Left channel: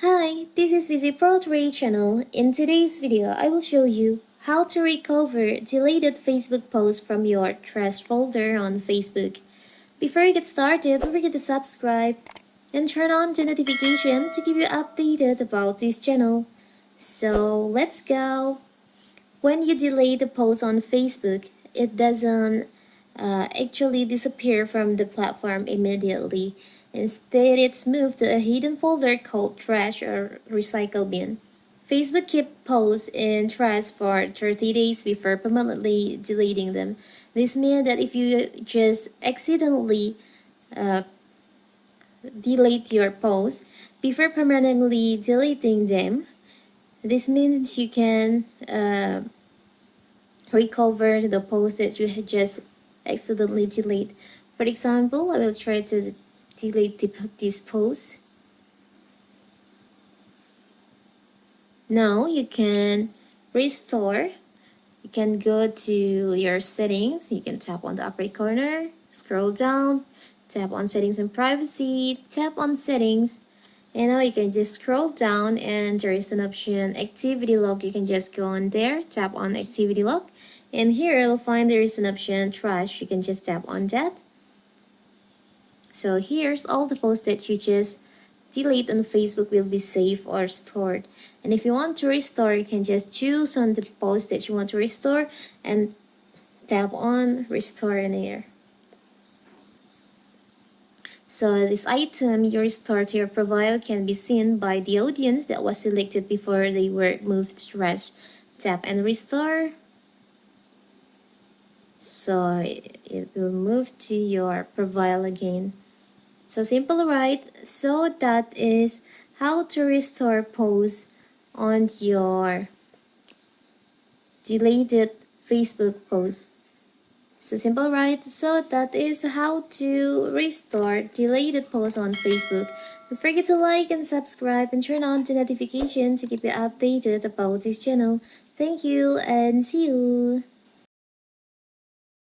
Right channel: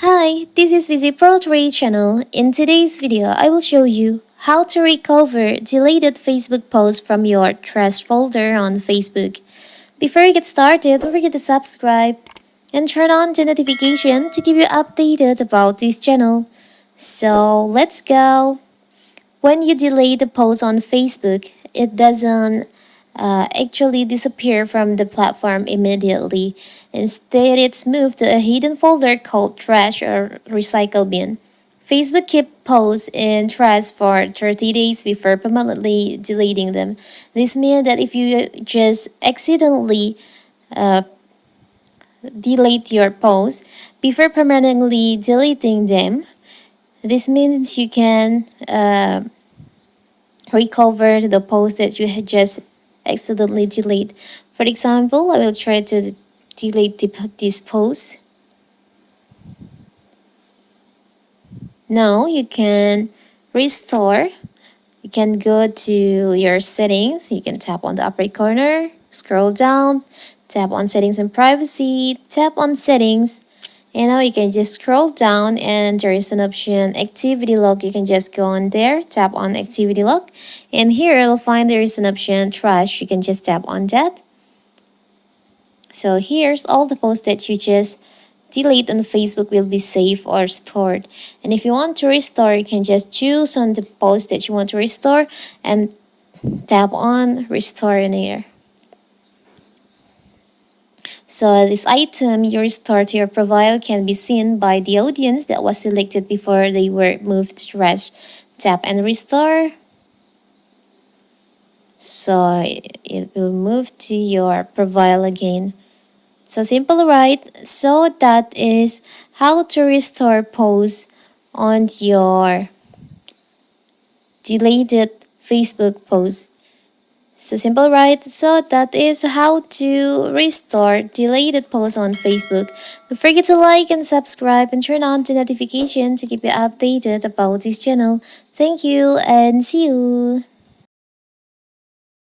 Hi, this is Vizi Pro 3 channel. In today's video, I will show you how to recover deleted Facebook posts from your trash folder on Facebook. Before you get started, don't forget to subscribe and turn on the notification to keep you updated about this channel. So let's go. When you delete a post on Facebook, it doesn't actually disappear from the platform immediately. Instead, it's moved to a hidden folder called trash or recycle bin. Facebook keeps posts in trash for 30 days before permanently deleting them. This means that if you just accidentally uh, delete your posts before permanently deleting them, this means you can recover the post that you had just accidentally delete. For example, I will try to delete this post. Now you can restore. You can go to your settings. You can tap on the upper corner, scroll down, tap on settings and privacy, tap on settings. And now you can just scroll down and there is an option activity log. You can just go on there, tap on activity log. And here you'll find there is an option trash. You can just tap on that. So here's all the posts that you just delete on Facebook will be saved or stored. And if you want to restore, you can just choose on the post that you want to restore and tap on restore in here. So this item you restore to your profile can be seen by the audience that was selected before they were moved to trash. Tap and restore. So it will move to your profile again. So simple, right? So that is how to restore posts on your deleted Facebook post. So simple, right? So that is how to restore deleted posts on Facebook. Don't forget to like and subscribe and turn on the notification to keep you updated about this channel. Thank you and see you.